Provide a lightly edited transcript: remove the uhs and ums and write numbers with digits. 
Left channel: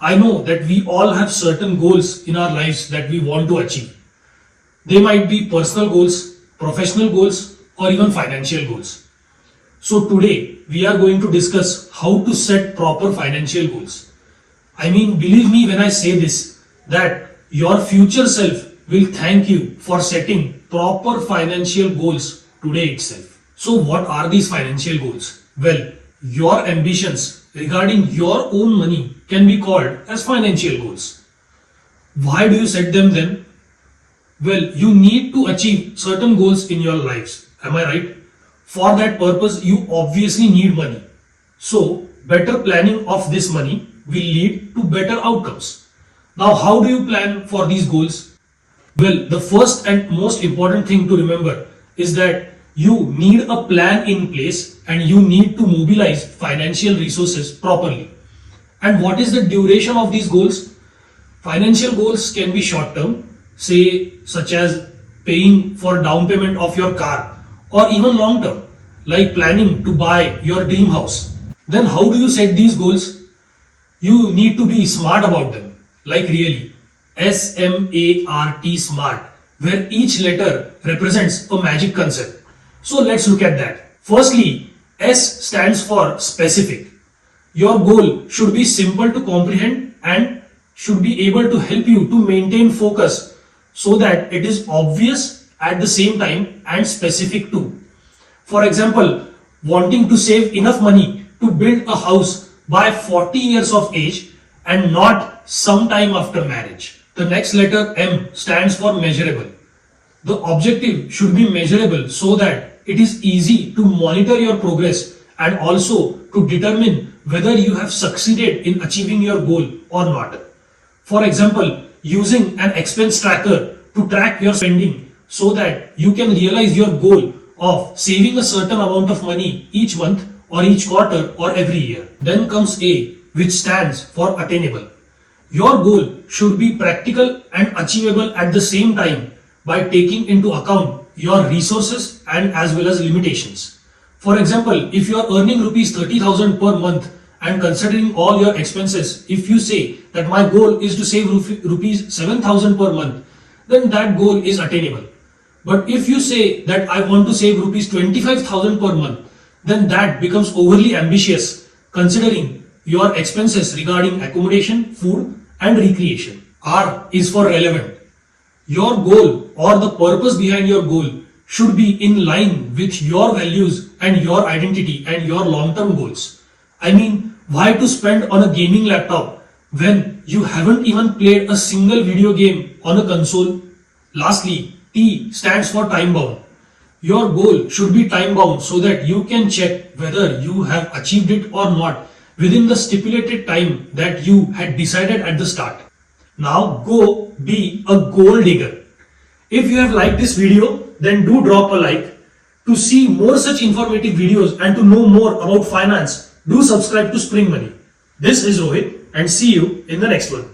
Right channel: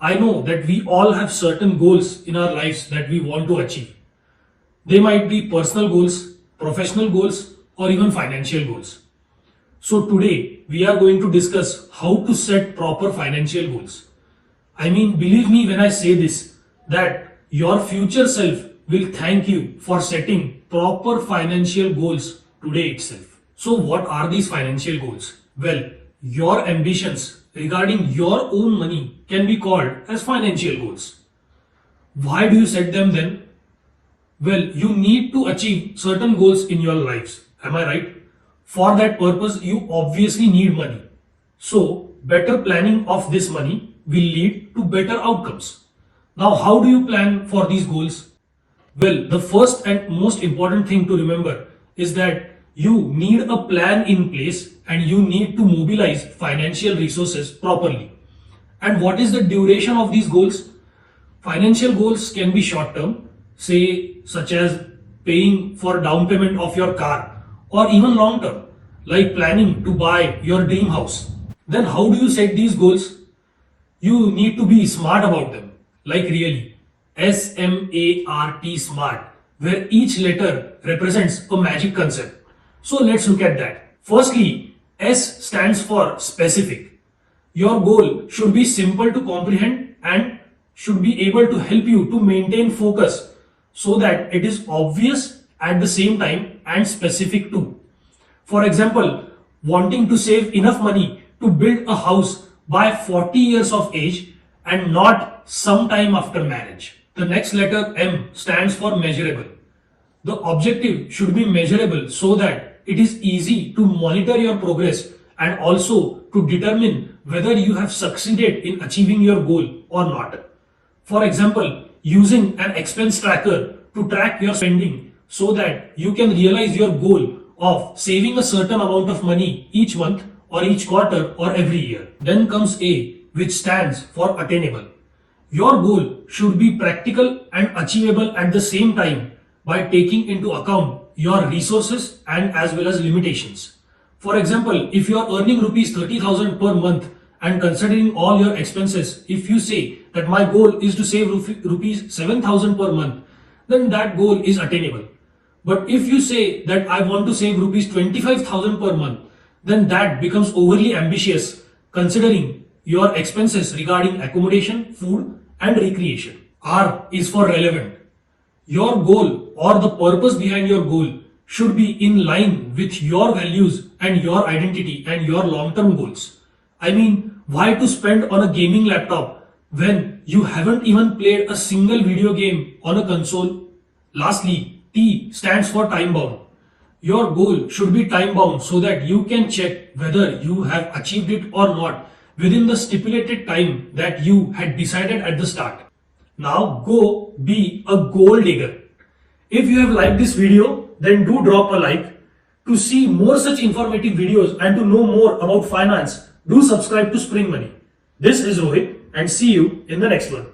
I know that we all have certain goals in our lives that we want to achieve. They might be personal goals, professional goals, or even financial goals. So today we are going to discuss how to set proper financial goals. I mean, believe me when I say this, that your future self will thank you for setting proper financial goals today itself. So what are these financial goals? Well, your ambitions regarding your own money can be called as financial goals. Why do you set them then? Well, you need to achieve certain goals in your lives. Am I right? For that purpose, you obviously need money. So, better planning of this money will lead to better outcomes. Now, how do you plan for these goals? Well, the first and most important thing to remember is that you need a plan in place and you need to mobilize financial resources properly. And what is the duration of these goals? Financial goals can be short term, say such as paying for down payment of your car, or even long term, like planning to buy your dream house. Then how do you set these goals? You need to be smart about them, like really. SMART, smart, where each letter represents a magic concept. So let's look at that. Firstly, S stands for specific. Your goal should be simple to comprehend and should be able to help you to maintain focus so that it is obvious at the same time and specific too. For example, wanting to save enough money to build a house by 40 years of age and not sometime after marriage. The next letter M stands for measurable. The objective should be measurable so that it is easy to monitor your progress and also to determine whether you have succeeded in achieving your goal or not. For example, using an expense tracker to track your spending so that you can realize your goal of saving a certain amount of money each month or each quarter or every year. Then comes A, which stands for attainable. Your goal should be practical and achievable at the same time by taking into account your resources and as well as limitations. For example, if you are earning rupees 30,000 per month and considering all your expenses, if you say that my goal is to save rupees 7,000 per month, then that goal is attainable. But if you say that I want to save rupees 25,000 per month, then that becomes overly ambitious considering your expenses regarding accommodation, food and recreation. R is for relevant. Your goal or the purpose behind your goal should be in line with your values and your identity and your long-term goals. I mean, why to spend on a gaming laptop when you haven't even played a single video game on a console? Lastly, T stands for time bound. Your goal should be time bound so that you can check whether you have achieved it or not within the stipulated time that you had decided at the start. Now go be a goal digger. If you have liked this video, then do drop a like. To see more such informative videos and to know more about finance, do subscribe to Spring Money. This is Rohit and see you in the next one.